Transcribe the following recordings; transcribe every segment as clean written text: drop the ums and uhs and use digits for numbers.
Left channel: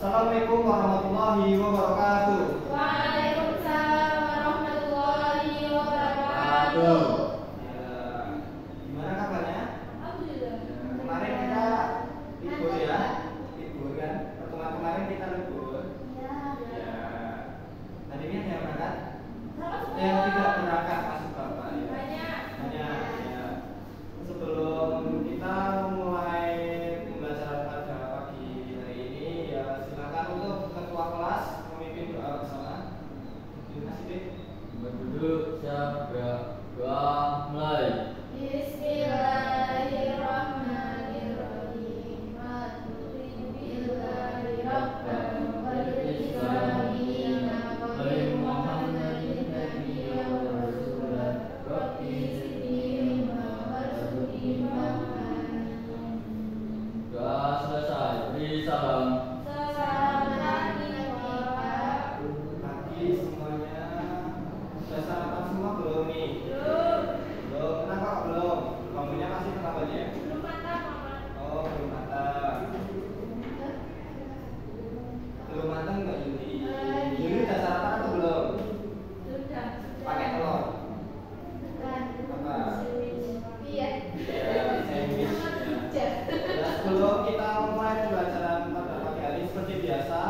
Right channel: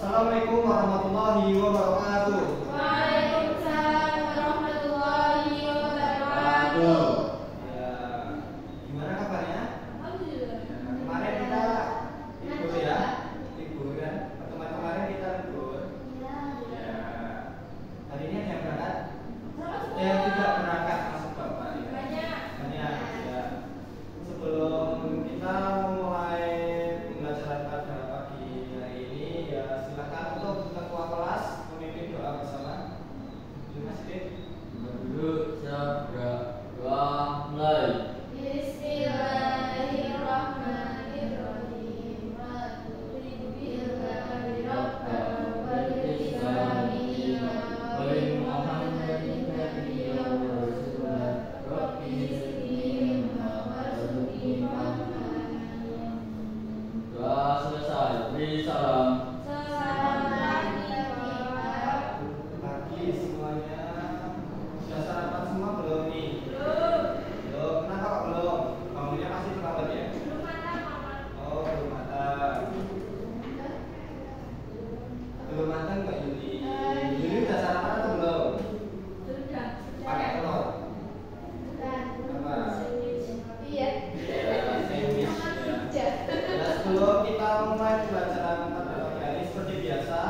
Assalamualaikum warahmatullahi wabarakatuh. Waalaikumsalam warahmatullahi wabarakatuh. Ya, gimana kabarnya? Alhamdulillah. Kemarin kita libur ya, libur kan? Pertemuan kemarin kita libur. Ya, hari ini yang berangkat? Yang tidak berangkat masuk bapak. Banyak. Banyak. Ya. Sebelum kita memulai pembelajaran pada pagi hari ini, ya silakan untuk ketua kelas memimpin doa bersama. Terima kasih. Dulu siap doa mulai. Bismillahirrahmanirrahim. Alhamdulillahi rabbil alamin. Wa Muhammadin nabiyyin wa rasulah. Rabbi zidni ilma. Doa selesai. Beri salam. Pagi semuanya. Sudah sarapan semua belum nih? Belum. Kenapa kok belum? Bangunnya masih tengah pagi ya? Oh, belum matang. Belum matang Mbak Yuli. Yuli udah sarapan atau belum? Pakai telur. Apa? Ya, sandwich ya. Nah, sebelum kita mulai pembelajaran pada pagi hari seperti biasa,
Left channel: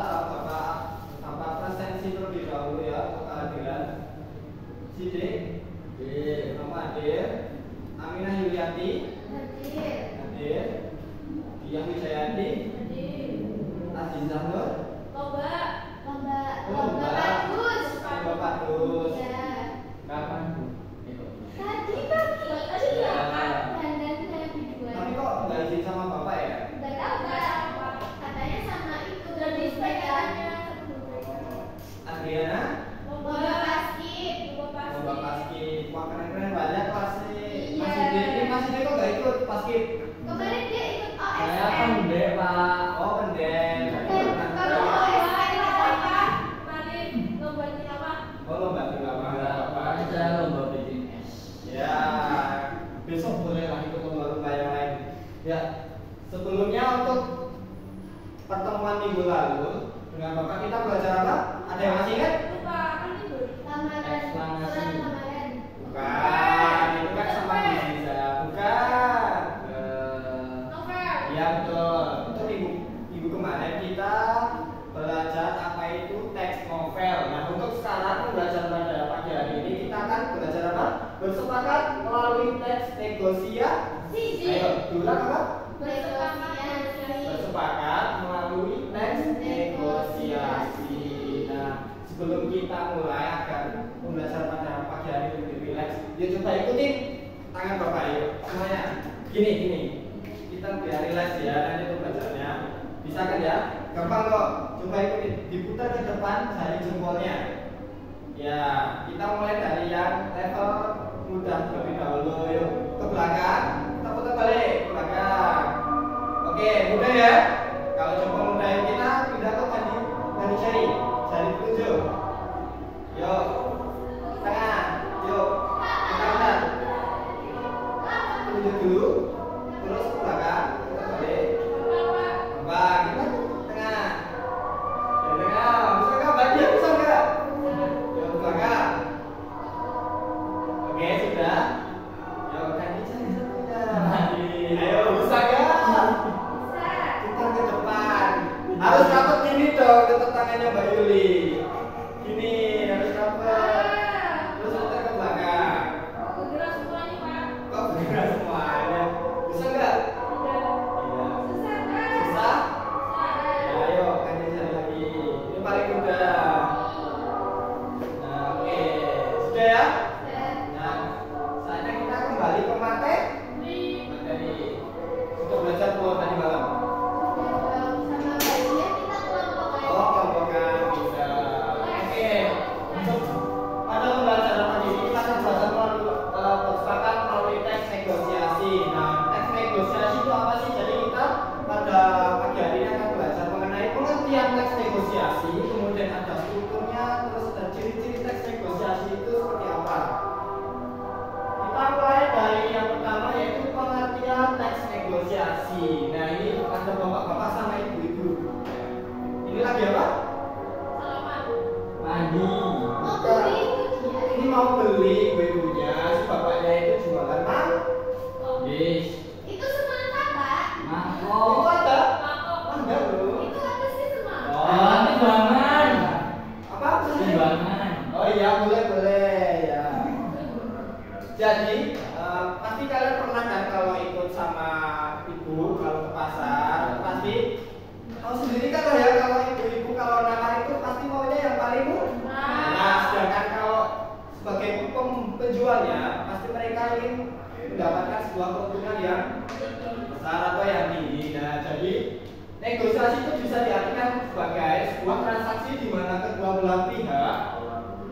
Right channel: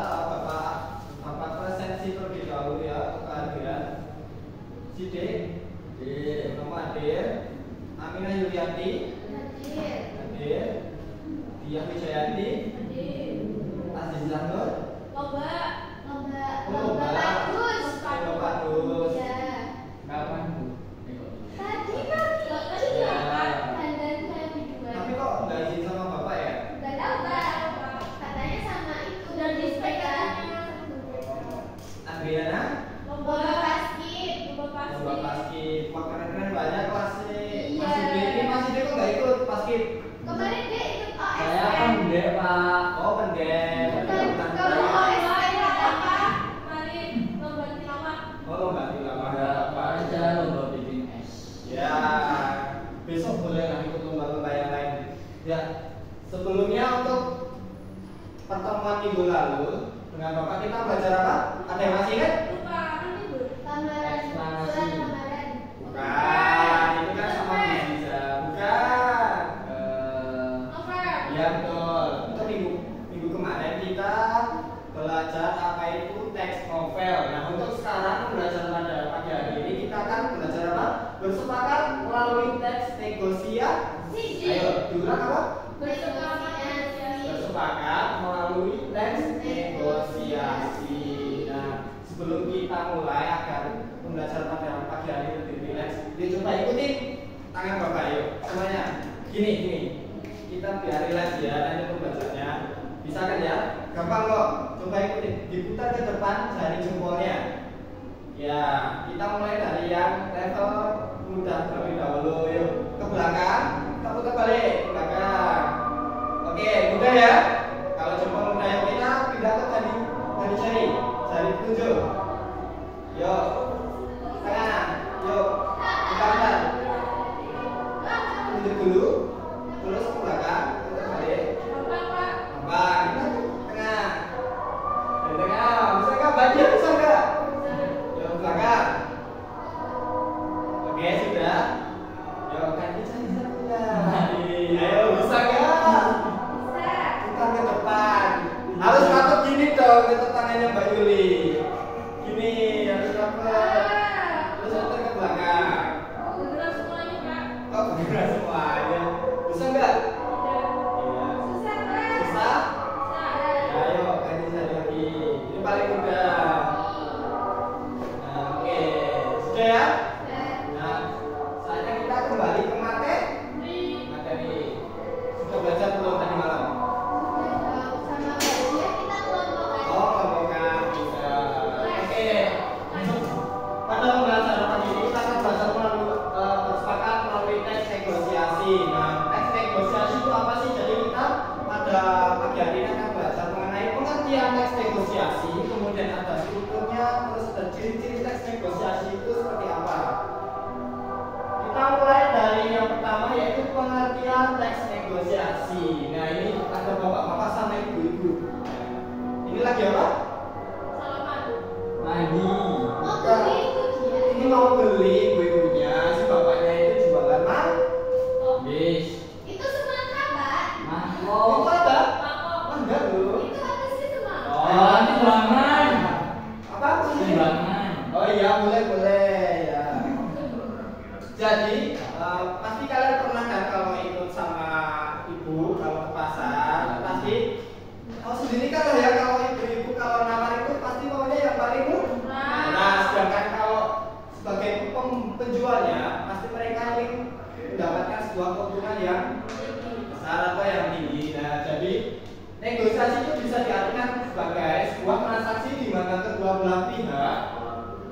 Bapak presensi terlebih dahulu ya untuk kehadiran Sidik, Nama hadir, Aminah Yulianti hadir, Diah Wijayanti, Azizah Nur, Bagus. Kapan? Tapi kok nggak izin sama Bapak ya? Adriana, Bapak Paskib, wah keren-keren banyak kelasnya. Mas Sidik, ini Mas Sidik kok nggak ikut Paskib? Kemarin dia ikut Saya OSN. pendek Pak. Oh, pendek. Kalau OSN apa? Oh, lomba tilawah. Kemarin saya lomba bikin es. Ya, besok bolehlah ikut lomba-lomba yang lain. Ya, sebelumnya untuk pertemuan minggu lalu dengan Bapak kita belajar apa? Ada yang masih ingat? Bukan, itu kan sama Bisa. Bukan. Ya betul. Untuk minggu kemarin kita belajar apa itu teks novel. Nah, untuk sekarang belajar pada pagi hari ini kita akan belajar apa? Bersepakat melalui teks negosiasi. Ayo, diulang apa? Bersepakat melalui teks negosiasi. Nah, sebelum kita mulai agar pembelajaran pada pagi hari ini lebih rileks, ya coba ikutin tangan Bapak yuk semuanya. Gini. Kita biar rileks ya nanti pembelajarannya. Bisa kan ya? Gampang kok. Coba ikutin. Diputar ke depan jari jempolnya. Ya, kita mulai dari yang level mudah terlebih dahulu. Yuk ke belakang. Kita putar balik ke belakang. Oke, mudah ya. Kalau jempol mudah yuk kita pindah ke dari jari petunjuk. Yuk, tangan. Yuk, kita tunjuk dulu. Terus ke belakang, kita balik. Bang, kita tengah. Dari tengah, bisa nggak baca? Bisa nggak? Yuk ke belakang. Oke, sudah. Yuk, kaki cari satunya. Ayo, bisa nggak? Putar ke depan. Harus takut gini dong, ke tangannya Mbak Yuli. Gini, harus dapat. Terus putar ke belakang. Kok beneran semuanya? Bisa nggak? Iya. Susah? Ya, ayo ganti satu lagi. Ini paling mudah. Nah, oke. Sudah ya? Nah, saatnya kita kembali ke materi. Sudah belajar belum tadi malam? Oh, kelompokan bisa. Oke. Untuk pada pembelajaran pagi ini kita akan belajar bersepakat melalui teks negosiasi. Nah, teks negosiasi itu apa sih? Jadi kita pada pagi hari ini akan belajar mengenai pengertian teks negosiasi, kemudian ada strukturnya, terus dan ciri-ciri teks negosiasi itu seperti apa. Kita mulai dari yang pertama yaitu pengertian teks negosiasi. Nah, ini ada bapak-bapak sama ibu-ibu. Ini lagi apa? Salaman. Mandi. Mau beli itu dia. Ini mau beli ibu-ibunya, si bapaknya itu jualan mah. Bis. Itu semangka, Pak. Itu Mangkok. ada? Mangkok. Ada loh. Itu apa sih semangka? Oh, ini bangan. Apa? Sumbangan. Oh iya, boleh ya. Jadi pasti kalian pernah kan kalau ikut sama ibu kalau ke pasar pasti tahu sendiri kan lah ya kalau ibu-ibu kalau namar itu pasti maunya yang paling murah. Nah, sedangkan kalau sebagai penjualnya pasti mereka ingin mendapatkan sebuah keuntungan yang besar atau yang tinggi. Nah, jadi negosiasi itu bisa diartikan sebagai sebuah transaksi di mana kedua belah pihak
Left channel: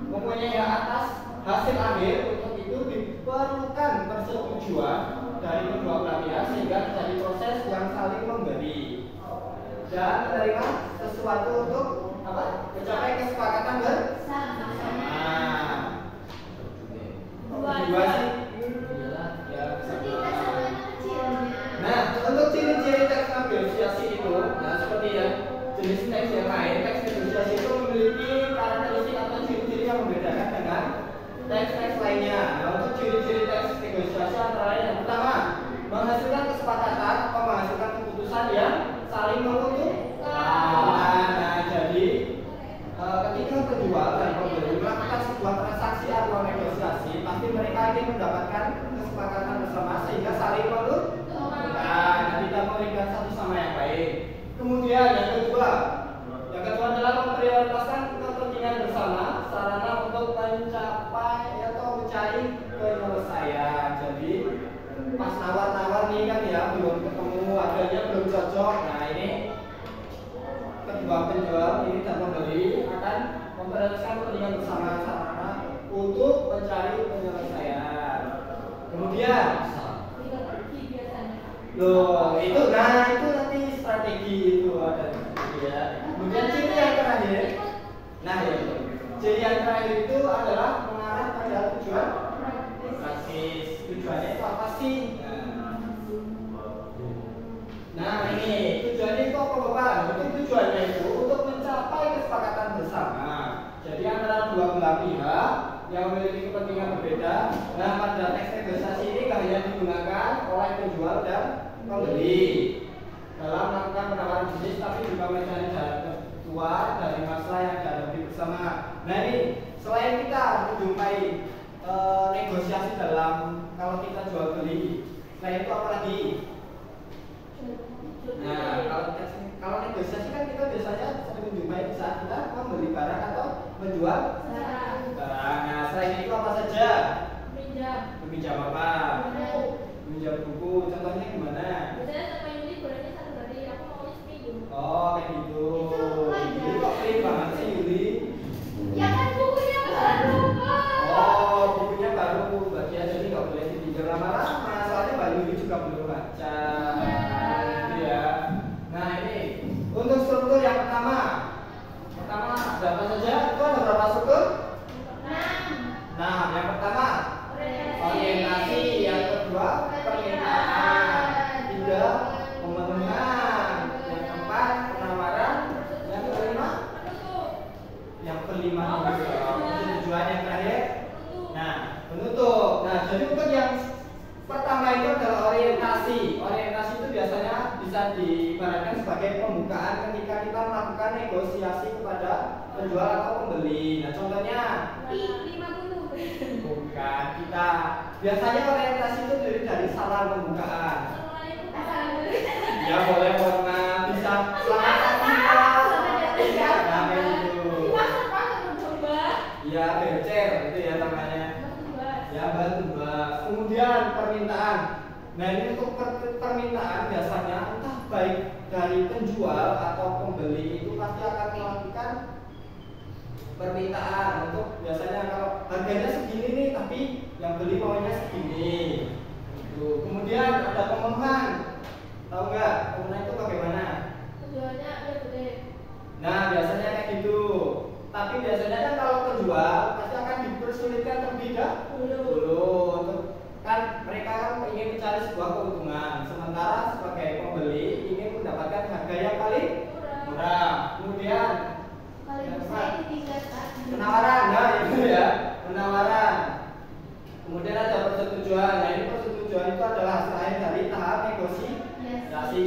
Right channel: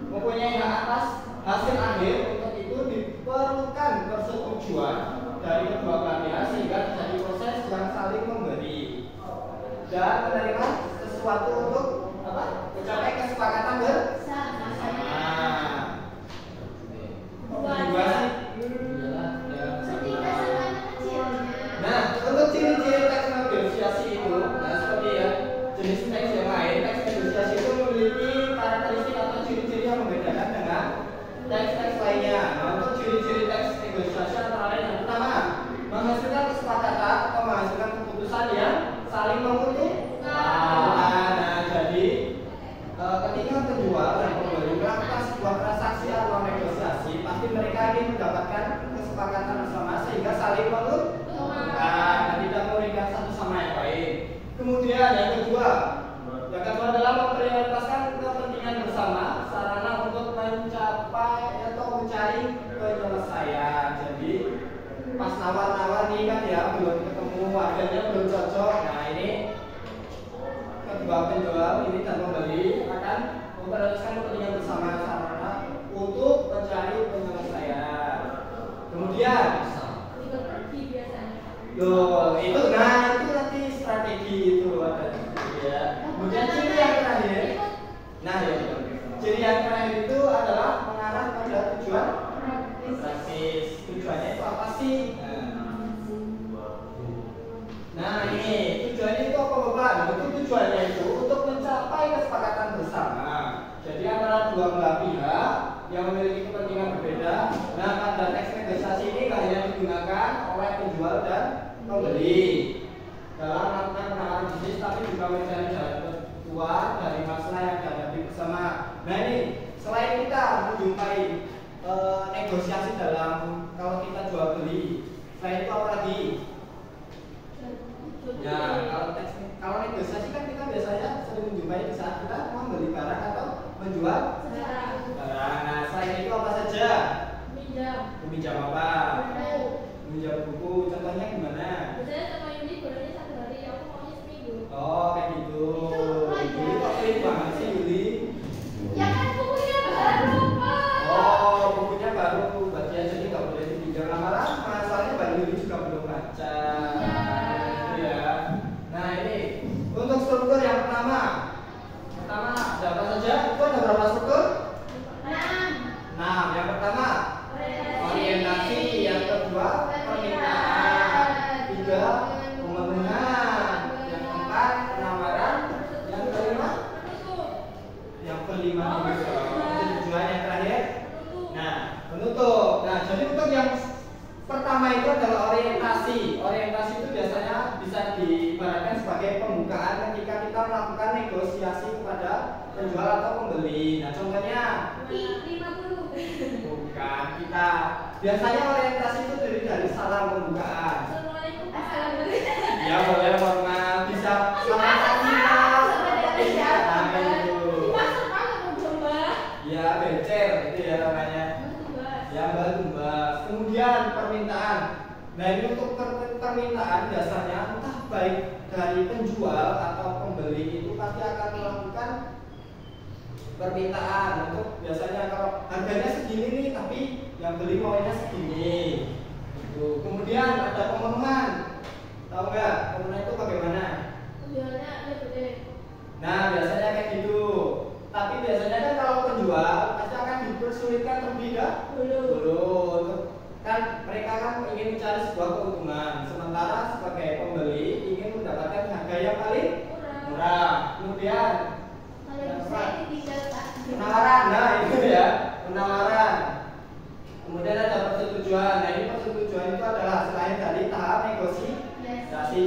mempunyai hak atas hasil akhir. Untuk itu diperlukan persetujuan dari kedua belah pihak sehingga terjadi proses yang saling memberi dan menerima sesuatu untuk apa? Mencapai kesepakatan bersama. Kedua sih. Iyalah, ya. Setingkat sama anak kecilnya. Nah, untuk ciri-ciri teks negosiasi itu, nah seperti ya jenis teks yang lain, teks negosiasi itu memiliki karakteristik atau ciri-ciri yang membedakan dengan teks-teks lainnya. Nah, untuk ciri-ciri teks negosiasi antara lain yang pertama, menghasilkan kesepakatan atau menghasilkan keputusan yang saling menguntungkan. Nah, jadi ketika penjual dan pembeli melakukan sebuah transaksi atau negosiasi, pasti mereka ingin mendapatkan kesepakatan bersama sehingga saling menguntungkan. Nah, tidak merugikan satu sama yang lain. Kemudian yang kedua adalah memprioritaskan kepentingan bersama sarana untuk mencapai atau mencari penyelesaian. Jadi pas nawar-nawar nih kan ya belum ketemu, harganya belum cocok. Nah ini kedua penjual ini dan pembeli akan memprioritaskan kepentingan bersama sarana untuk mencari penyelesaian. Kemudian loh, itu nanti strategi itu ada ya. Kemudian ciri yang terakhir, nah ya, ciri yang terakhir itu adalah mengarah pada tujuan praktis. Tujuannya itu apa sih? Nah ini tujuannya itu apa Bapak? Nah, itu tujuannya itu untuk mencapai kesepakatan bersama. Jadi antara dua belah pihak yang memiliki kepentingan berbeda. Nah pada teks negosiasi ini nggak hanya digunakan oleh penjual dan pembeli dalam melakukan penawaran bisnis, tapi juga mencari jalan keluar dari masalah yang dihadapi bersama. Nah ini selain kita menjumpai negosiasi dalam kalau kita jual beli, selain itu apa lagi? Nah kalau negosiasi kan kita biasanya sering menjumpai saat kita membeli barang atau menjual barang. Nah selain itu apa saja? Meminjam apa? Meminjam buku. Contohnya gimana? Oh kayak gitu. Yuli kok pelit banget sih Yuli? Ya kan bukunya baru, Pak. Oh bukunya baru, berarti aja jadi nggak boleh dipinjam lama-lama. Soalnya Mbak Yuli juga belum baca. Ya. Nah ini untuk struktur yang pertama ada apa saja? Itu ada berapa struktur? 6. Yang pertama orientasi, yang kedua permintaan, 3 pemenuhan, yang keempat penamaran, yang kelima tujuan yang terakhir. Nah penutup. Nah jadi untuk yang pertama itu adalah orientasi. Orientasi itu biasanya bisa diibaratkan sebagai pembukaan ketika kita melakukan negosiasi kepada penjual atau pembeli. Nah contohnya bukan, kita biasanya orientasi itu dari salam pembukaan. Ya boleh warna bisa selamat pagi ya bencer itu ya namanya. Ya tumbas. Kemudian permintaan. Nah ini untuk permintaan biasanya entah baik dari penjual atau pembeli itu pasti akan melakukan permintaan untuk biasanya kalau harganya segini nih tapi yang beli maunya segini. Tuh. Kemudian ada pemenuhan. Tahu nggak pemenuhan itu bagaimana? Nah biasanya kayak gitu. Tapi biasanya kan kalau penjual pasti akan dipersulitkan terlebih dulu. Kan mereka kan ingin mencari sebuah keuntungan, sementara sebagai pembeli ingin mendapatkan harga yang paling murah. Kemudian Kalau ibu saya ditinggal Pak. penawaran, nah itu ya, penawaran. Kemudian ada persetujuan. Nah ini persetujuan itu adalah hasil akhir dari tahap negosiasi.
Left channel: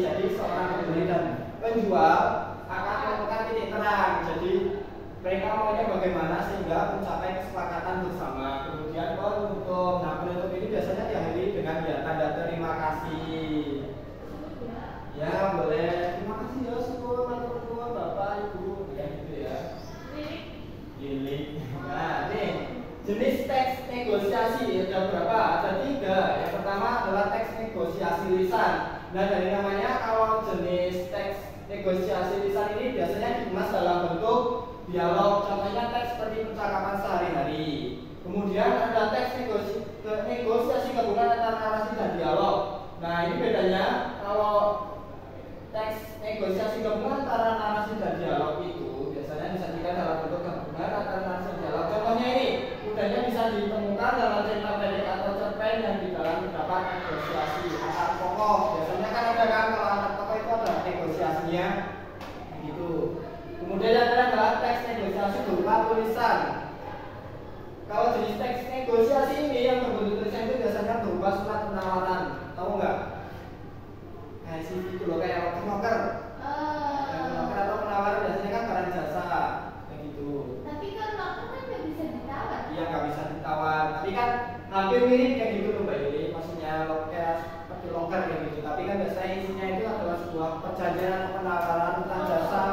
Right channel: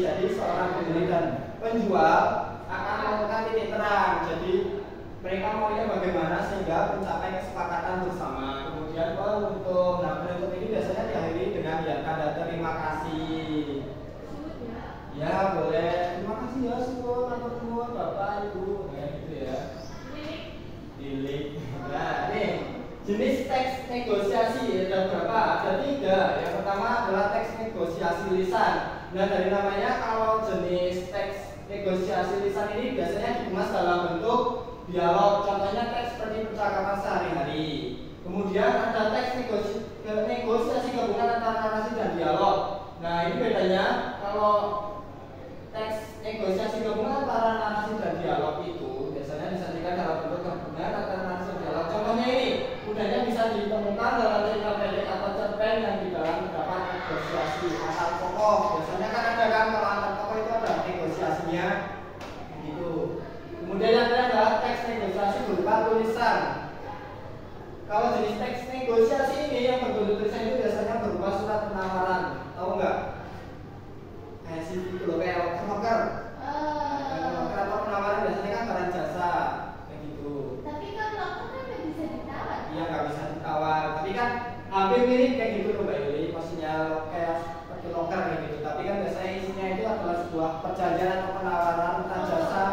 Jadi seorang pembeli dan penjual akan menemukan titik terang. Jadi mereka maunya bagaimana sehingga mencapai kesepakatan bersama. Kemudian penutup. Nah penutup ini biasanya diakhiri dengan ya tanda terima kasih. Ya boleh. Terima kasih ya Sun, ataupun Bapak Ibu, ya gitu ya. Pilih. Nah ini jenis teks negosiasi ada berapa? Ada 3. Yang pertama adalah teks negosiasi lisan. Nah dari namanya kalau jenis teks negosiasi lisan ini biasanya dikemas dalam bentuk dialog. Contohnya teks seperti percakapan sehari-hari. Kemudian ada teks negosiasi gabungan antara narasi dan dialog. Nah ini bedanya kalau teks negosiasi gabungan antara narasi dan dialog itu biasanya disajikan dalam bentuk gabungan antara narasi dan dialog. Contohnya ini mudahnya bisa ditemukan dalam cerita pendek atau cerpen yang di dalam terdapat negosiasi antar tokoh. Biasanya kan ada kan kalau antar tokoh itu ada negosiasinya gitu. Kemudian yang terakhir adalah teks negosiasi berupa tulisan. Kalau jenis teks negosiasi ini yang berbentuk tulisan itu biasanya berupa surat penawaran. Tahu nggak? Kayak CV itu loh, kayak loker. Loker atau penawaran biasanya kan barang jasa kayak gitu. Tapi kalau loker kan nggak bisa ditawar. Iya nggak bisa ditawar. Tapi kan hampir mirip kayak gitu loh Mbak Yuli. Maksudnya kayak seperti loker kayak gitu. Tapi kan biasanya isinya itu adalah sebuah perjanjian atau penawaran tentang jasa.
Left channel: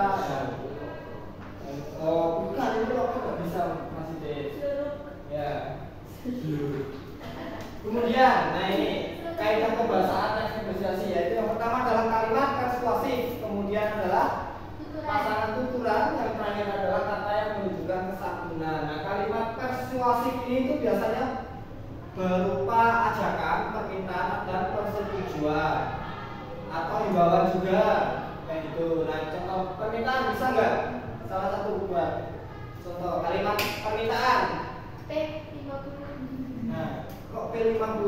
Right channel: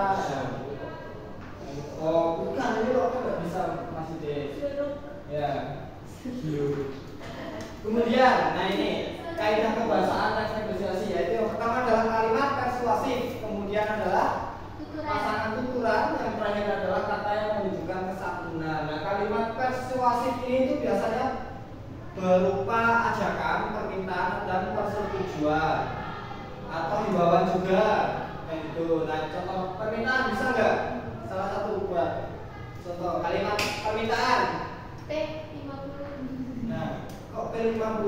Oh bukan, ini loker nggak bisa Mas Ide. Ya. Kemudian, nah ini kaidah kebahasaan teks negosiasi yaitu yang pertama adalah kalimat persuasif, kemudian adalah pasangan tuturan, yang terakhir adalah kata yang menunjukkan kesantunan. Nah kalimat persuasif ini itu biasanya berupa ajakan, permintaan dan persetujuan atau himbauan juga kayak gitu. Nah contoh permintaan bisa nggak? Salah satu buat contoh kalimat permintaan. P50. Nah kok P50?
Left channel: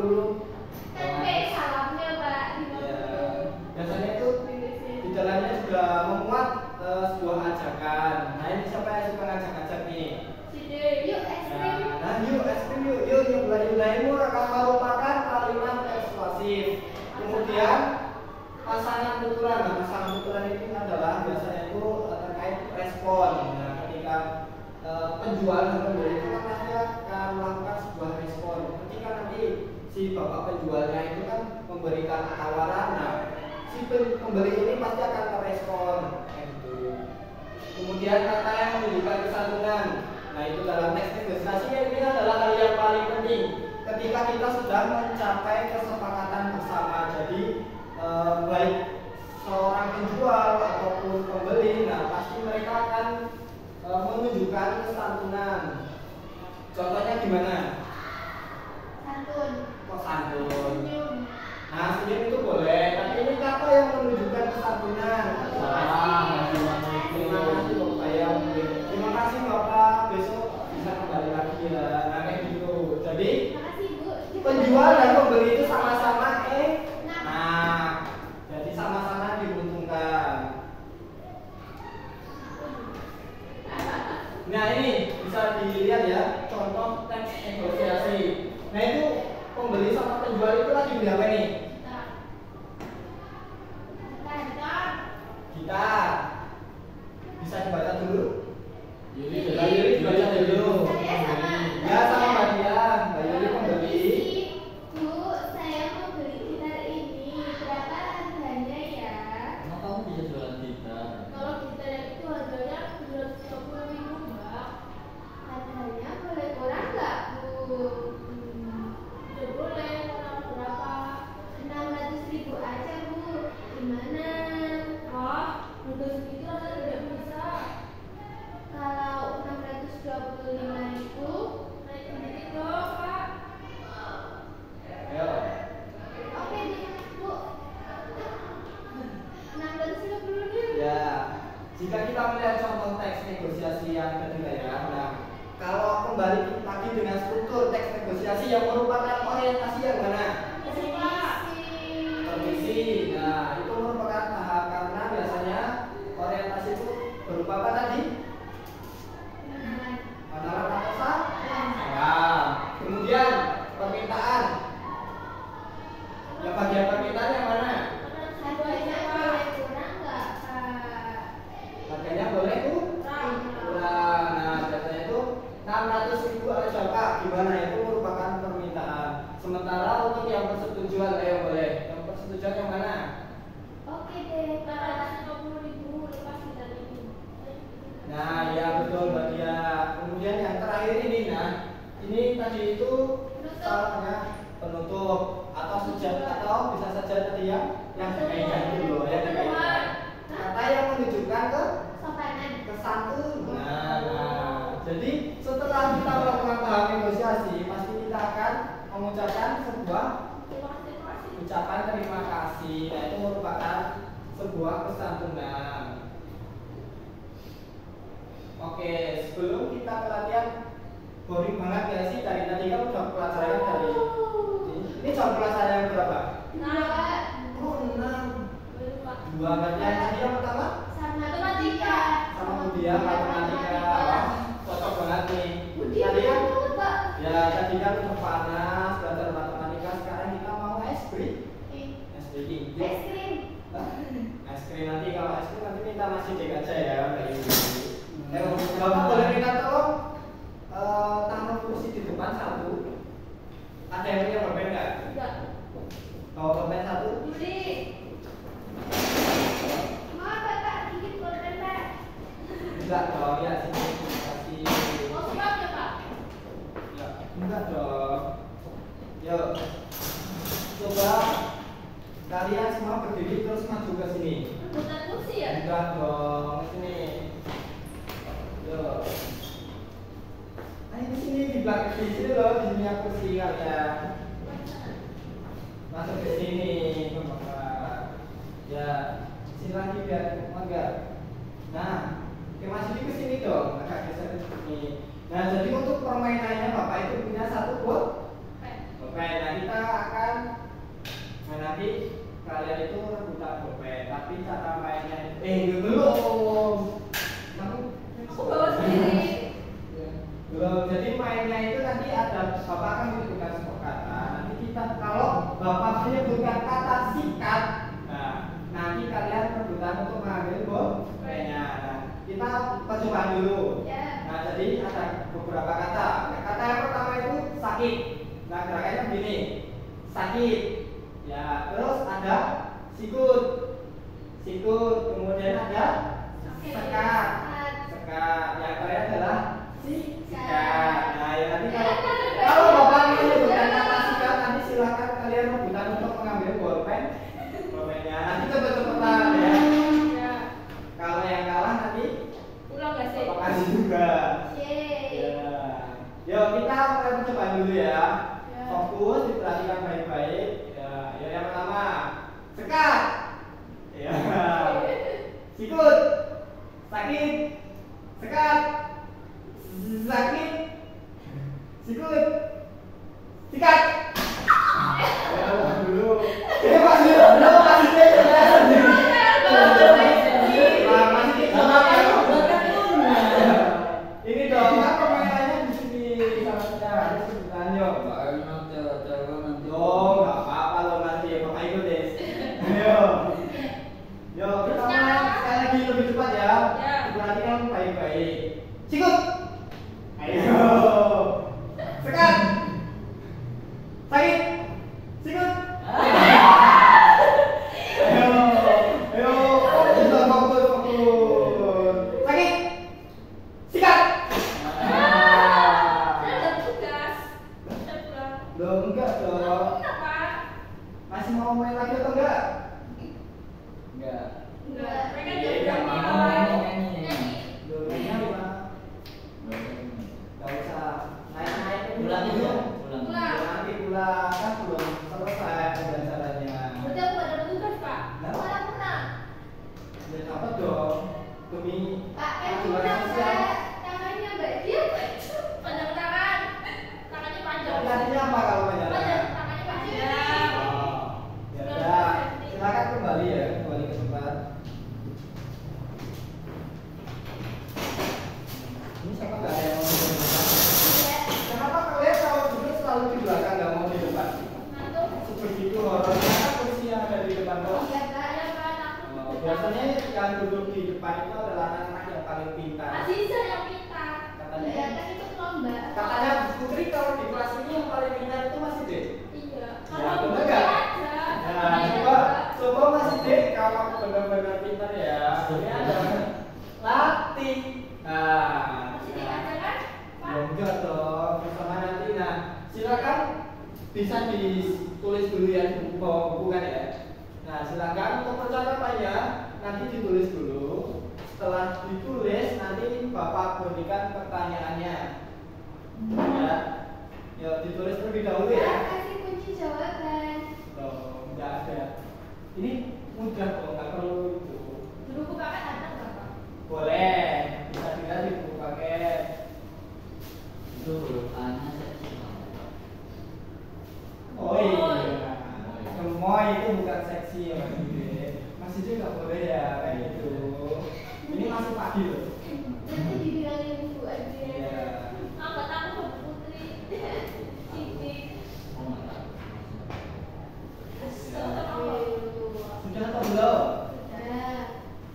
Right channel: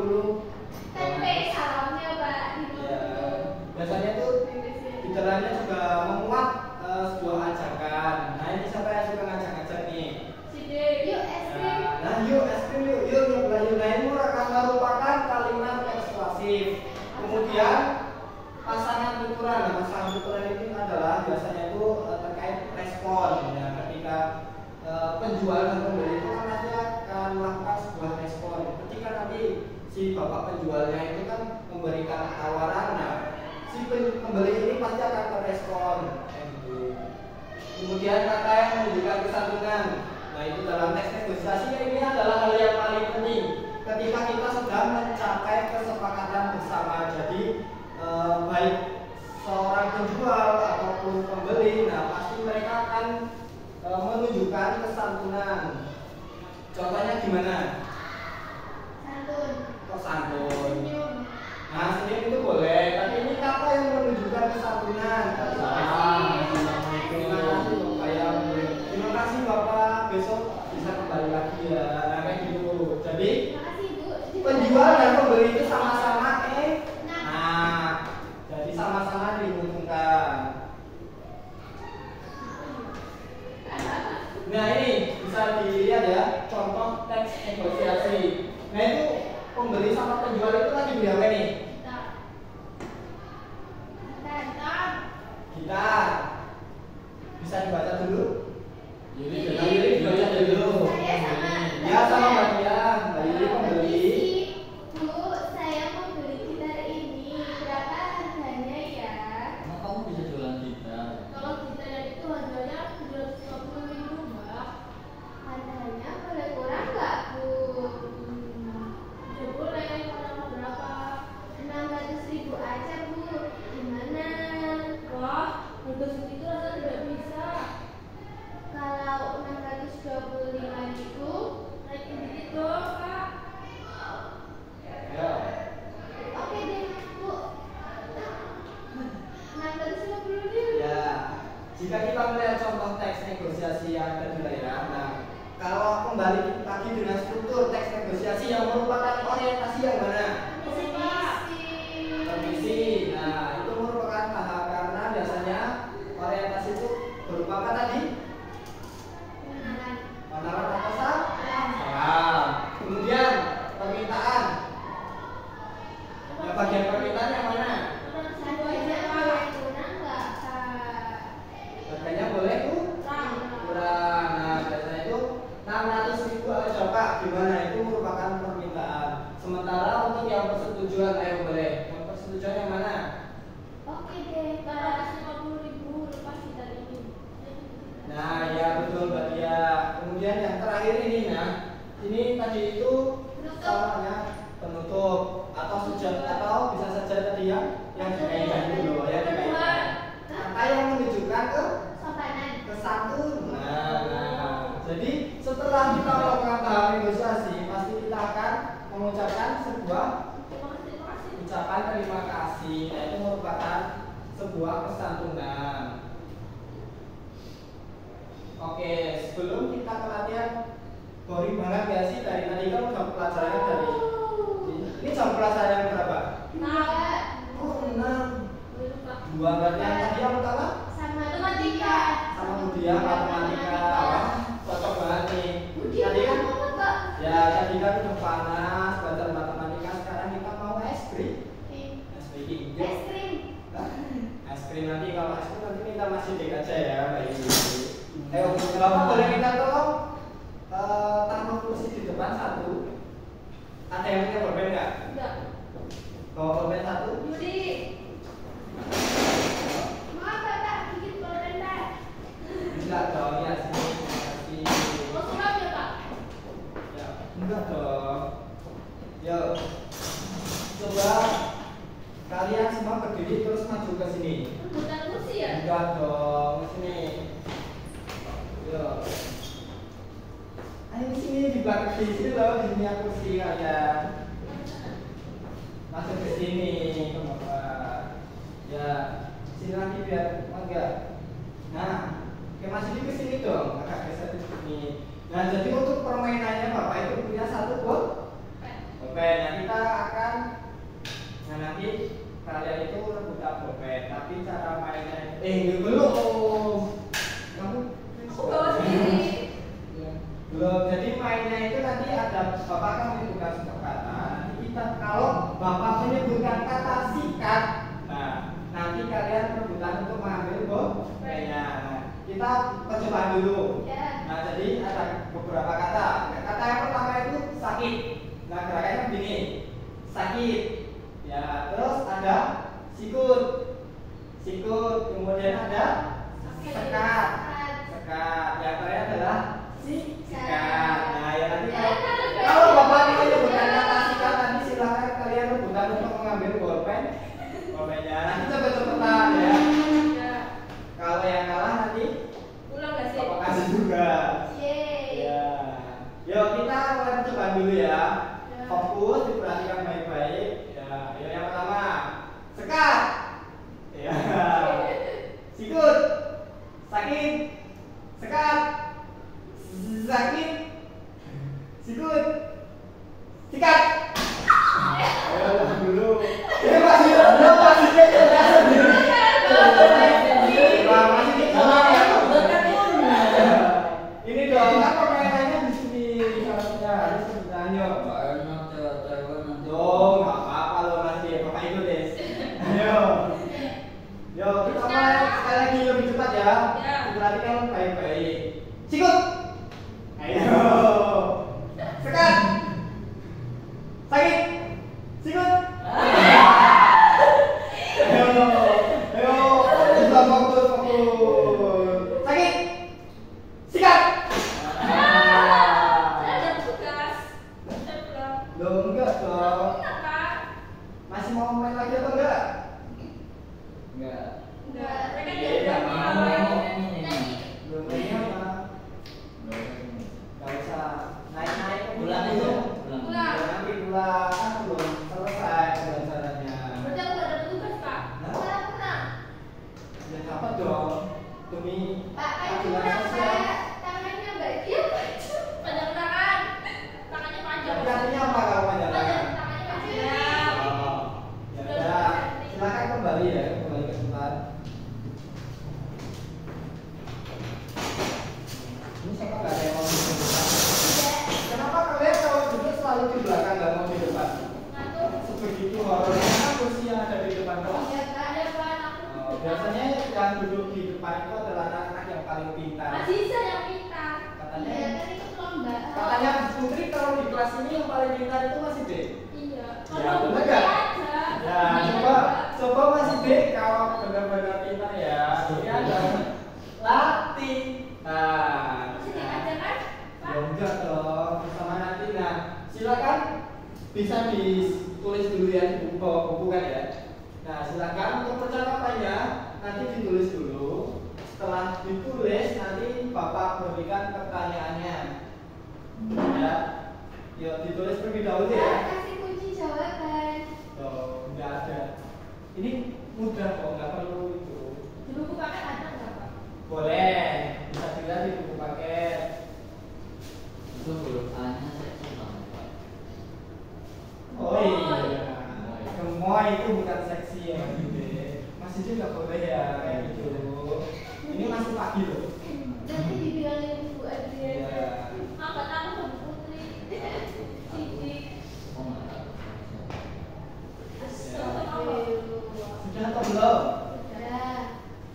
Kan P salamnya Pak 50. Ya, biasanya itu di dalamnya juga memuat sebuah ajakan. Nah ini siapa yang suka ngajak-ngajak nih? Side, yuk es krim. Nah yuk es krim yuk nyobain. Nah ini akan merupakan kalimat persuasif. Kemudian pasangan tuturan. Nah pasangan tuturan ini adalah biasanya itu terkait respon. Nah ketika penjual dan pembeli itu kan nanti akan melakukan sebuah respon. Ketika nanti si bapak penjualnya itu kan memberikan tawaran, nah si pembeli ini pasti akan merespon gitu. Kemudian kata yang menunjukkan kesantunan. Nah itu dalam teks negosiasi ini adalah hal yang paling penting ketika kita sudah mencapai kesepakatan bersama. Jadi baik seorang penjual ataupun pembeli, nah pasti mereka akan menunjukkan kesantunan. Contohnya gimana? Santun. Kok santun? Senyum. Nah senyum itu boleh, tapi ini kata yang menunjukkan kesantunan. Terima kasih Bapak, terima kasih Bapak, besok bisa kembali lagi ya. Nah kayak gitu. Jadi Makasih Bu. penjual dan pembeli itu sama-sama nah jadi sama-sama diuntungkan. Nah ini bisa dilihat ya contoh teks negosiasi. Nah itu pembeli sama penjual itu lagi beli nih? Gitar. Bisa dibaca dulu? Yuli dibaca dulu. Ya sama Mbak Dian. Mbak Yuli pembeli. Bu, saya mau beli gitar ini. Berapa harganya ya? Emang kamu bisa jualan gitar? Kalau gitar itu harganya 750.000 Mbak. Harganya boleh kurang nggak Bu? Ya boleh, kurang berapa? 600.000 aja Bu. Gimana? Wah, harga segitu Anda tidak bisa. Kalau 625 itu naikin dikit dong Kak. Ya. Oke deh Bu. 650.000. Ya. Jika kita melihat contoh teks negosiasi yang kedua ya. Nah, kalau kembali lagi dengan struktur teks negosiasi yang merupakan orientasi yang mana? Permisi. Nah, itu merupakan tahap karena biasanya orientasi itu berupa yang dikaitkan dulu, yang dikaitkan. Kata yang menunjukkan ke Sopanan. kesantunan. Nah, jadi setelah kita melakukan tahap negosiasi, pasti kita akan mengucapkan sebuah ucapan terima kasih. Nah, itu merupakan sebuah kesantunan. Oke, sebelum kita ke latihan, boring banget ya sih dari tadi kan udah pelajarannya dari ini jam pelajaran yang berapa? Oh, 6. Dua berarti yang tadi yang pertama? Sama matematika. Sama Budia, matematika. Wah, cocok banget nih. Budia Tadi kan? kok. Ya, tadi kan udah panas belajar matematika, sekarang kita mau es krim. Es krim. Es krim. Es krim nanti kalau es krim nanti minta masih dik aja ya, Mbak Ibu. Bapak boleh minta tolong taruh kursi di depan satu. Ada yang punya pulpen nggak? Enggak. Bawa pulpen satu. Yudi. Maaf Pak, dikit pulpen Pak. Bisa dong, ya sini. Kasih. Mau surat ya Pak? Ya, enggak dong. Yuk, coba kalian semua berdiri terus maju ke sini. Rebutan kursi ya? Enggak dong, ke sini. Yuk. Ayo sini di belakang di sini loh, di sini aku kursi kalian. Masuk ke sini, ke Bapak. Ya, sini lagi biar enggak. Nah, oke masuk ke sini dong, agak geser ke sini. Nah, jadi untuk permainannya Bapak itu punya satu pulpen. Nah, kita akan nanti kalian itu rebutan pulpen, tapi cara mainnya belum. Kamu Aku bawa sendiri. belum. Jadi mainnya itu nanti ada Bapak akan menyebutkan sebuah kata. Nanti kita kalau Bapak menyebutkan kata sikat, nah nanti kalian rebutan untuk mengambil pulpennya. Nah, kita percobaan dulu. Ya. Nah, jadi ada beberapa kata. Nah, kata yang pertama itu sakit. Nah, gerakannya begini. Sakit. Ya, terus ada sikut. Sikut. Kemudian ada sekat. Sekat. Yang terakhir adalah sikat. Nah, ya nanti kalau Bapak ingin menyebutkan kata sikat, nanti silakan kalian rebutan untuk mengambil pulpennya. Nanti cepet-cepetan ya. Ya. Kalau yang kalah nanti Pulang gak sih? Bapak kasih juga. Yeay. Ya. Yuk kita mulai coba dulu ya. Ya. Fokus, diperhatikan baik-baik. Ya, yang pertama sekat. Ya. Sikut. Sakit. Sekat. Sakit. Sikut. Sikat. Ayo dulu. Ini masih belum masih ini dong, kan permainannya di sini salah harus sebutan yuk. Dong, nggak apa-apa lo nanti Bapak ikut deh. Ayo, yuk kita mulai sekali lagi lebih cepat ya. Perhatikan baik-baik. Sikut. Ayo. Sekat. Sakit. Sikut. Ayo, ayo, fokus. Sakit. Sikat. Saya ada tugas. Saya pulang. Loh, enggak dong. Kenapa? Masih mau main lagi atau enggak? Enggak. Enggak. Mereka Iya, juga enggak bilang. mau. Nyanyi. Belum mainnya apa? Gak usah naik-naik ke Pulang dulu. aja. Pulang. Nanti pulang kan belum selesai pembelajarannya. Udah aku ada tugas Pak. Nah. Pulang. Ya dapat dong demi Pak, aturan sosial. tangannya Mbak Dia panjang tangan. Tangannya panjang. Tapi artinya apa kalau Panjang, panjangan? tangannya panjang. Oh, ya udah. Silakan kembali ya, kembali ke tempat. Ini siapa nggak ada yang mau di depan? Kenapa kalian kalau duduk selalu di belakang nggak mau di depan? Ngantuk. Begitu horornya kan kursi yang ada di depan tuh. Iya Pak, ada Pak. Aku Biasanya yang duduk di depan itu adalah anak-anak yang paling pintar. Aziza yang pintar. Katanya- Iya, kan itu lomba. Katanya Putri kalau di kelas ini yang paling pintar itu masih D. Iya. Ya, bener nggak? Nah, coba masih D kalau benar-benar pintar ya. Ini ada latih. Nah, Masih ada kan? Pak? ya enggak dong. Bersama nanti. Nah, silakan bisa ditulis dulu ya di buku, bawa buku kan ya. Nah, silakan untuk percakapannya nanti ditulis dulu. Setelah ditulis nanti Bapak berikan pertanyaannya. Ya, yuk ditulis terlebih dahulu ya. Kasih kunci jawaban. Oh, nggak ada. Ini mudah kok, nggak perlu itu. Dulu buku paket ada nggak Pak? Boleh, bisa dilihat di buku paket. Itu huruf A-nya seksi banget. Oh iya, gemoy itu bukan seksi ya Mas Dede. Mas Dede nggak boleh ya kayak gitu. Ini masih pagi loh. Nanti dibilangin Bu aja. Iya. Angkat aku ke Putri. Cici. Oh enggak. Sudah atau belum?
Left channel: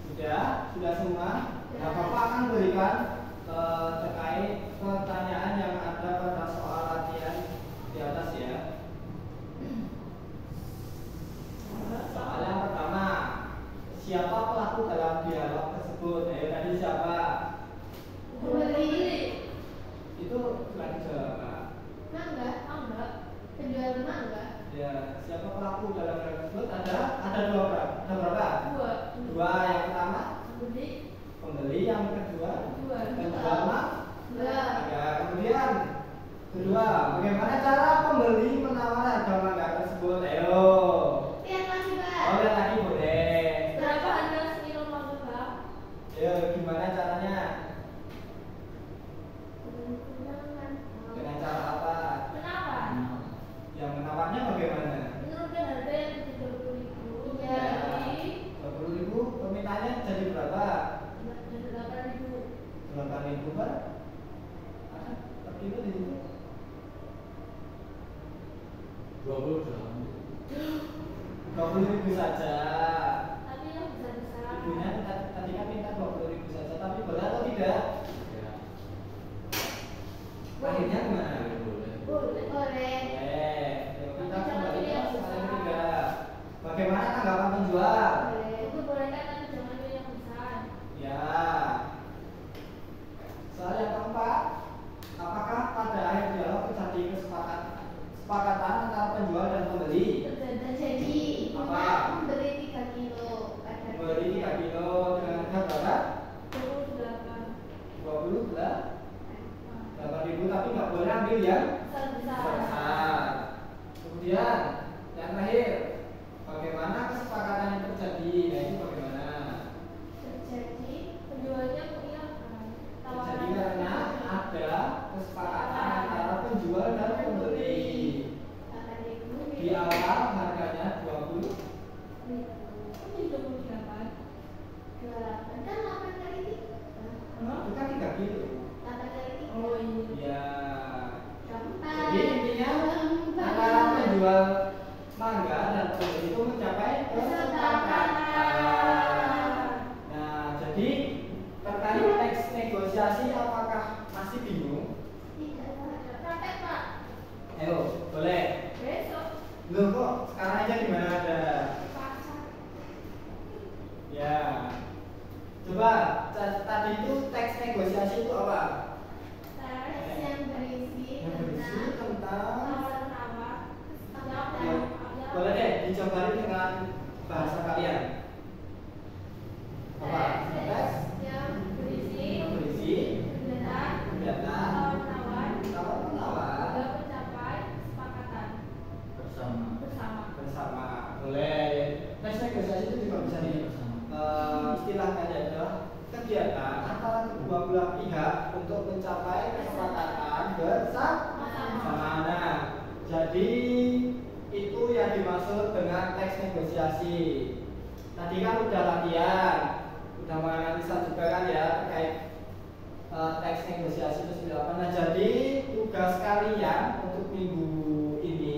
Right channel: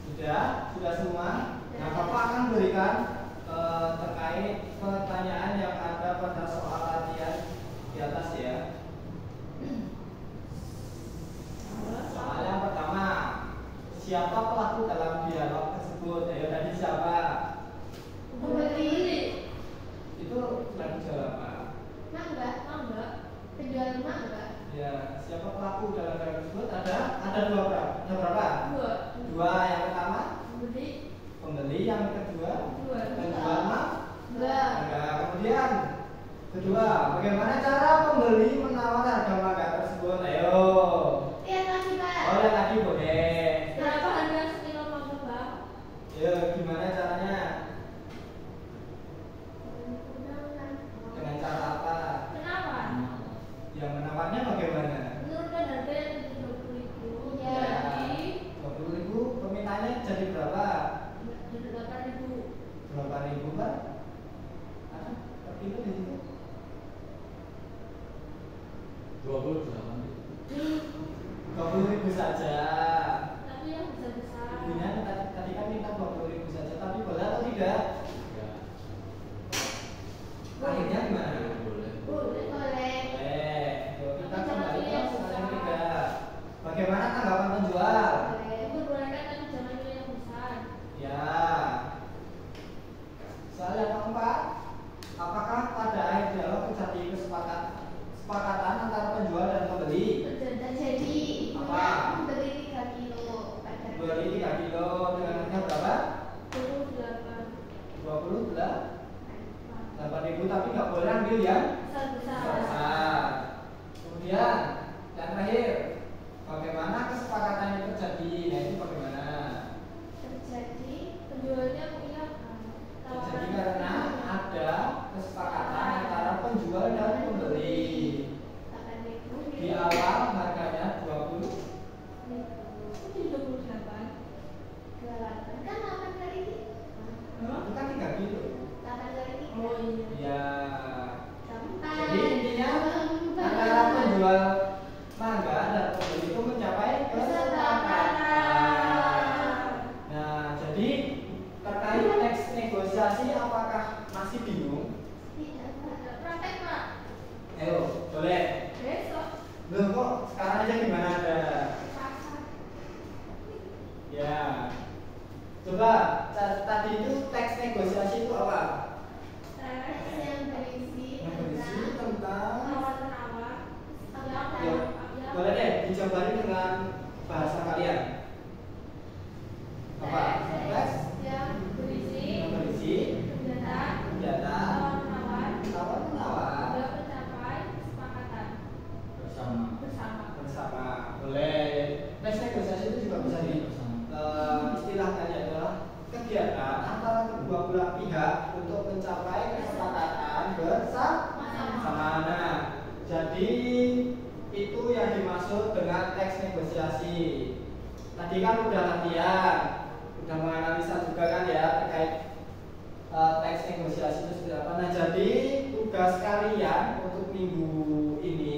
Sudah. Sudah semua. Nah, Bapak akan berikan terkait pertanyaan yang ada pada soal latihan di atas ya. Soal yang pertama, siapa pelaku dalam dialog tersebut? Ayo tadi siapa? Pembeli. Itu lagi jual apa? Mangga. Penjual mangga. Ya, siapa pelaku dalam dialog tersebut? Ada dua orang. Ada berapa? Dua. Yang pertama pembeli, yang kedua yang pertama ada. Kemudian kedua, bagaimana cara pembeli menawar harga mangga tersebut? Ayo. Lihat lagi Pak. Oh, lihat lagi boleh. Berapa harga sekilo mangga Pak? Ayo, gimana caranya? Dengan cara apa? Kenapa? Yang menawarnya bagaimana? Menurunkan harga yang 20.000 Ya. jadi 20.000, permintaannya jadi berapa? 8.000. 8.000 Pak? Ada per kilo di situ? 20.000 saja. Tapi yang besar-besar. Ibunya tadi kan minta 20.000 saja, tapi boleh atau tidak? Ya. Akhirnya gimana? Boleh. Yuk, kita kembali ke soal yang ketiga. Bagaimana tanggapan penjual? Ibu boleh kan tapi jangan pilih yang besar. Ya. Soal yang keempat, apakah pada akhir dialog terjadi kesepakatan antara penjual dan pembeli? Terjadi Apa? membeli 3 kilo. Beli 3 kilo dengan harga berapa? 28. 8.000, tapi nggak boleh ambil yang Besar. besar. Kemudian yang terakhir, bagaimana kesepakatan yang terjadi? Nah, itu bagaimana? Terjadi penjualnya punya Terjadi karena ada kesepakatan antara penjual dan pembeli. 8.000. Di awal harganya 20. Ini 28. Kan 8 kali. Itu kan 3 kilo. 8 kali. Ya. Gampang. Jadi intinya antara penjual mangga dan pembeli itu mencapai kesepakatan. Nah, jadi terkait teks negosiasi apakah masih bingung? Praktek Pak. Ayo, boleh. Besok. Loh kok sekarang aja gimana ada? Pasar. Ya. Coba tadi itu teks negosiasi itu apa? Yang berisi Yang berisi tentang tawar-menawar. ya, boleh deh dicobain dengan bahasa kalian. Apa? Teks Yang berisi yang berisi kegiatan kegiatan tawar-menawar tawar-menawar hingga mencapai kesepakatan bersama. bersama. Boleh. Teks negosiasi itu juga bisa di istilahnya adalah kegiatan antara kedua belah pihak untuk mencapai kesepakatan bersama. Nah, jadi itu yang dimaksud dengan teks negosiasi. Tadi kan udah latihan, udah menganalisa juga kan ya terkait teks negosiasi itu seperti apa. Nah, jadi tugas kalian untuk minggu ini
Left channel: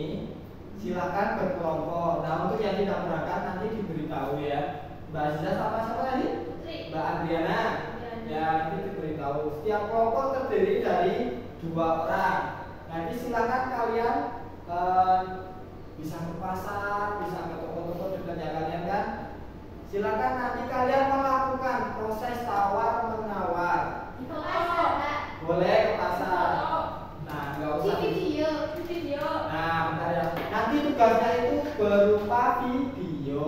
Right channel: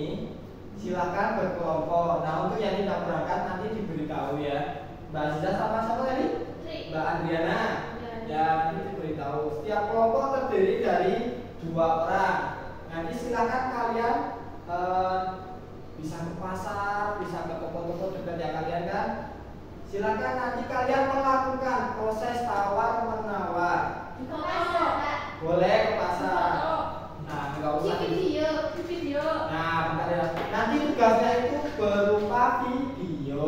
silakan berkelompok. Nah, untuk yang tidak berangkat nanti diberitahu ya. Mbak Aziza sama siapa tadi? Mbak Adriana. Ya, nanti diberitahu. Setiap kelompok terdiri dari 2 orang. Nanti silakan kalian bisa ke pasar, bisa ke toko-toko dekatnya kalian kan. Silakan nanti kalian melakukan proses tawar menawar. Boleh ke pasar. Nah, nggak usah Video. Nah, bentar ya. Nanti tugasnya itu berupa video.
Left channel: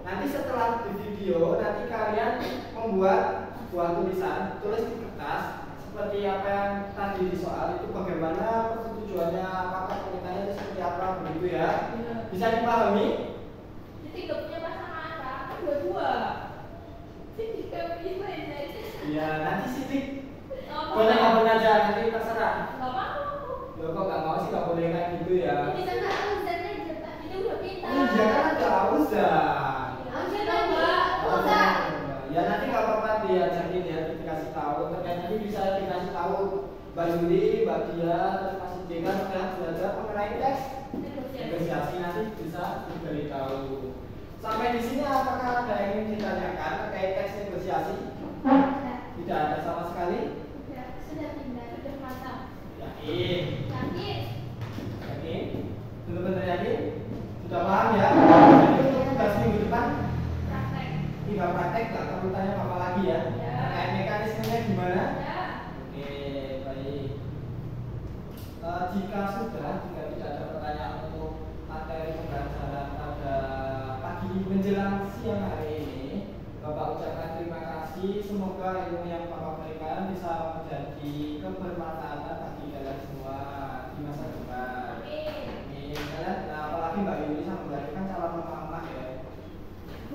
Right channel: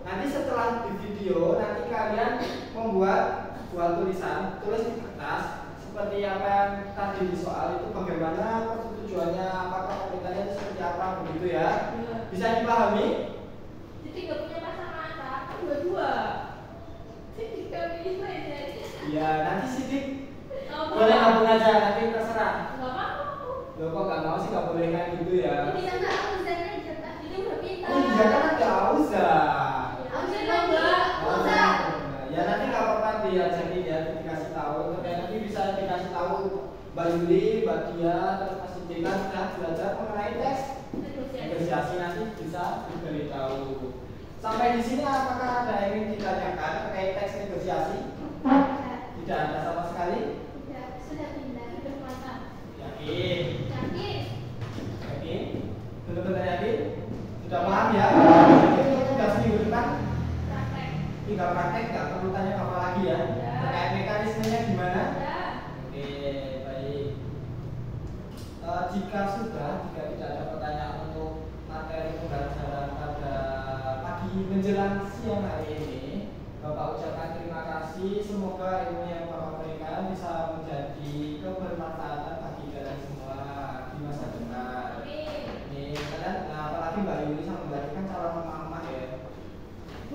Nanti setelah di video, nanti kalian membuat buah tulisan, tulis di kertas seperti apa yang tadi di soal itu, bagaimana persetujuannya, apakah pemerintahnya itu seperti apa, begitu ya. Bisa dipahami? Jadi nggak punya pasangan kan? Dua-dua. Jadi kami ini aja. Iya, nanti Sidik Apa? boleh gabung aja, nanti terserah. Nggak mau. Loh kok gak mau sih, gak boleh kayak gitu ya. Ini kan nggak Auzan aja kan? Ini udah pintar. Oh iya kan ada Auzan. Auzan lomba. Auzan. Ya nanti nggak apa-apa dia, jadi dia dikasih tahu. Tapi nanti bisa dikasih tahu Mbak Yuli, Mbak Dia, terus masih Dika sudah belajar mengenai teks negosiasi, nanti bisa diberitahu. Sampai di sini apakah ada yang ingin ditanyakan terkait teks negosiasi? Tidak ada sama sekali. Sudah pintar, sudah matang. Yakin? Yakin? Yakin? Benar-benar yakin? Sudah paham ya? Jadi untuk tugas minggu depan Praktek. tinggal praktek, nggak perlu tanya apa lagi ya. Ya. Terkait mekanismenya gimana? Ya. Oke, baik. Jika tidak ada pertanyaan untuk materi pembelajaran pada pagi menjelang siang hari ini, Bapak ucapkan terima kasih. Semoga ilmu yang Bapak berikan bisa menjadi kebermanfaatan bagi kalian semua di masa depan. Amin. Ini kalian, apalagi Mbak Yuli sama Mbak Adi kan calon mama ya.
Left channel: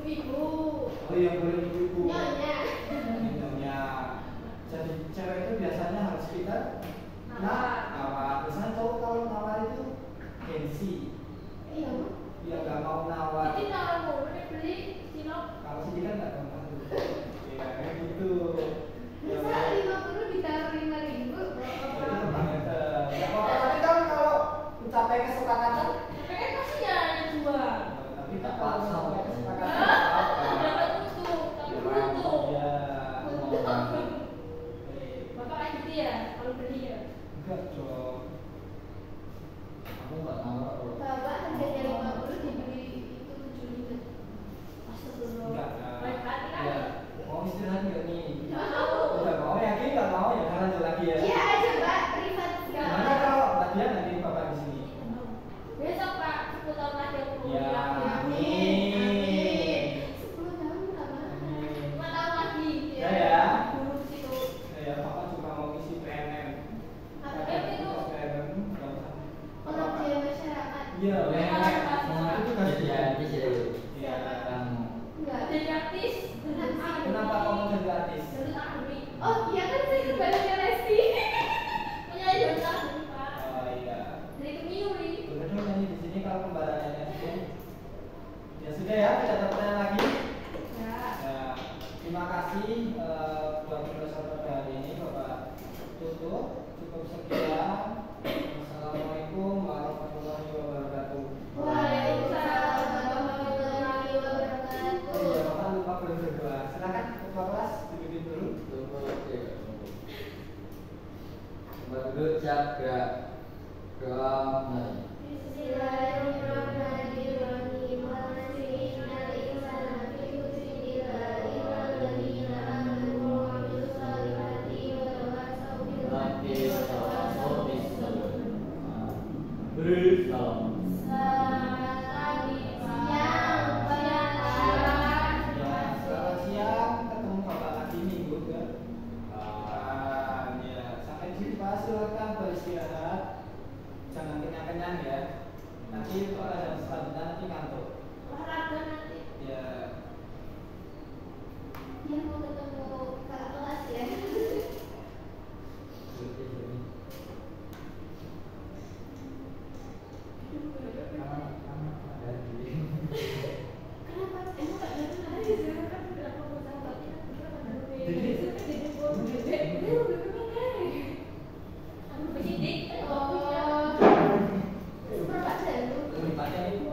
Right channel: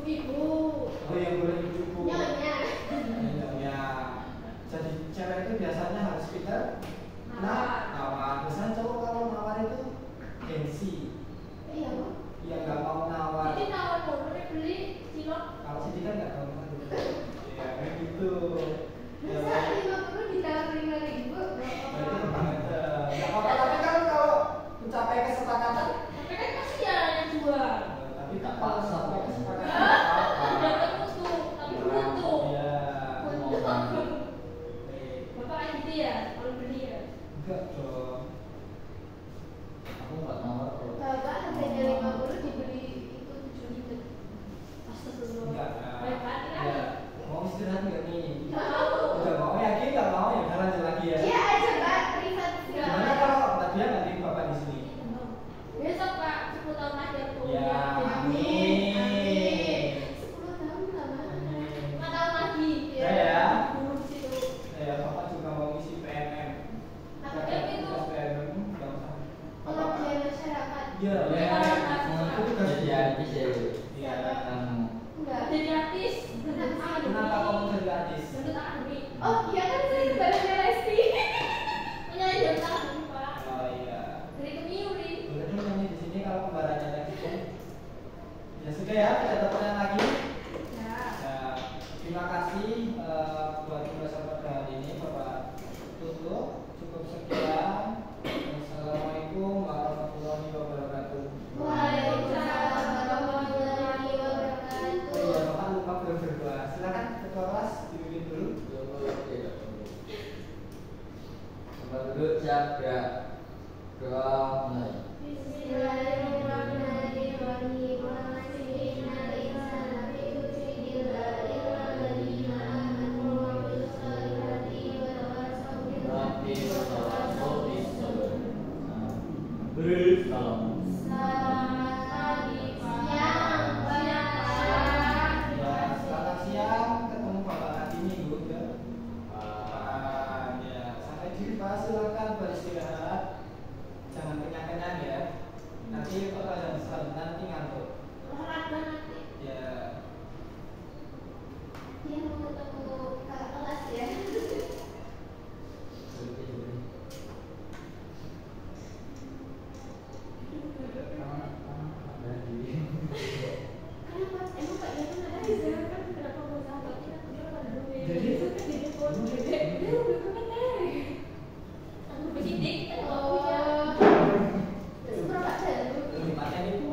Ibu. Oh yang boleh ibu. Nyonya. Ya, jadi cewek itu biasanya harus pintar nawar. Biasanya cowok kalau nawar itu gengsi. Iya. Dia nggak mau nawar. Jadi nawar mulu nih beli cilok. Kalau sih kan nggak mau. Ya kayak gitu. Ya, Masa 50 ditawar 5.000? itu banget. Nggak apa-apa, tapi kan kalau mencapai kesepakatan, Tapi kan kasihan yang jual. tapi nggak apa-apa sampai kesepakatan nggak apa-apa. Dapat untung, tapi beruntung. Iya. Bapak kayak gitu ya, kalau beli ya. Enggak dong. Aku nggak nawar kalau Bapak harganya 50 dibeli itu 7.000. Astagfirullah. Enggak. Baik hati kan? Ya, mau istirahat nggak nih? Nggak mau. Udah mau, yakin nggak mau ya? Jangan lanjut lagi ya. Iya aja Pak, privat segala Gimana macam. kalau Mbak Dia nanti Bapak di sini? Besok Pak, 10 tahun lagi aku Ya, kuliah. amin. 10 tahun lama. Amin. 5 tahun lagi. Ya, ya. Dulu situ. Ya, Bapak juga mau isi PNM. Apa Ada itu? tugas PNM, nggak usah. Pengabdian masyarakat. Iya, Iya, ya. Pak. Itu tugas jadi dia. artis ya. Iya. Kamu Enggak, jadi artis. Kenapa kamu jadi artis? Bentuk Agni. Oh iya kan saya kebaliknya Lesti. Menyanyi bentuk Agni Pak. Oh iya. Dari Kemiuri. Udah dulu nyanyi di sini kalau pembahasannya itu. Ya sudah ya, tidak ada pertanyaan lagi. Ya. Ya, terima kasih buat pembahasan pada hari ini Bapak tutup. Cukup sekian. Assalamualaikum warahmatullahi wabarakatuh. Waalaikumsalam warahmatullahi wabarakatuh. Oh iya, Bapak lupa belum berdoa. Silakan ketua kelas dipimpin dulu. coba lagi ya. Coba dulu jaga kamu. Bismillahirrahmanirrahim. Wa nasihinal insana fi husnillah illa alladziina amanu wa amilus solihati wa tawasaw bil haqqi wa tawasaw bis sabr. Bersalam. Selamat pagi, siang, siang. Ya, selamat siang. Ketemu Bapak lagi minggu ya. Ya, sampai jumpa. Silakan beristirahat. Jangan kenyang-kenyang ya. Nanti pertanyaan selanjutnya nanti ngantuk. Olahraga nanti. Ya. Dia mau ketemu kakak kelas ya. Kenapa? Emang Pak Joko nggak ada di sana kan sudah proposal Pak kita kenapa ada rumah? Jadi? Jadi bos, dia udah kemana? Aku penyidik. Oh. Super Pak Joko. Tempatnya itu.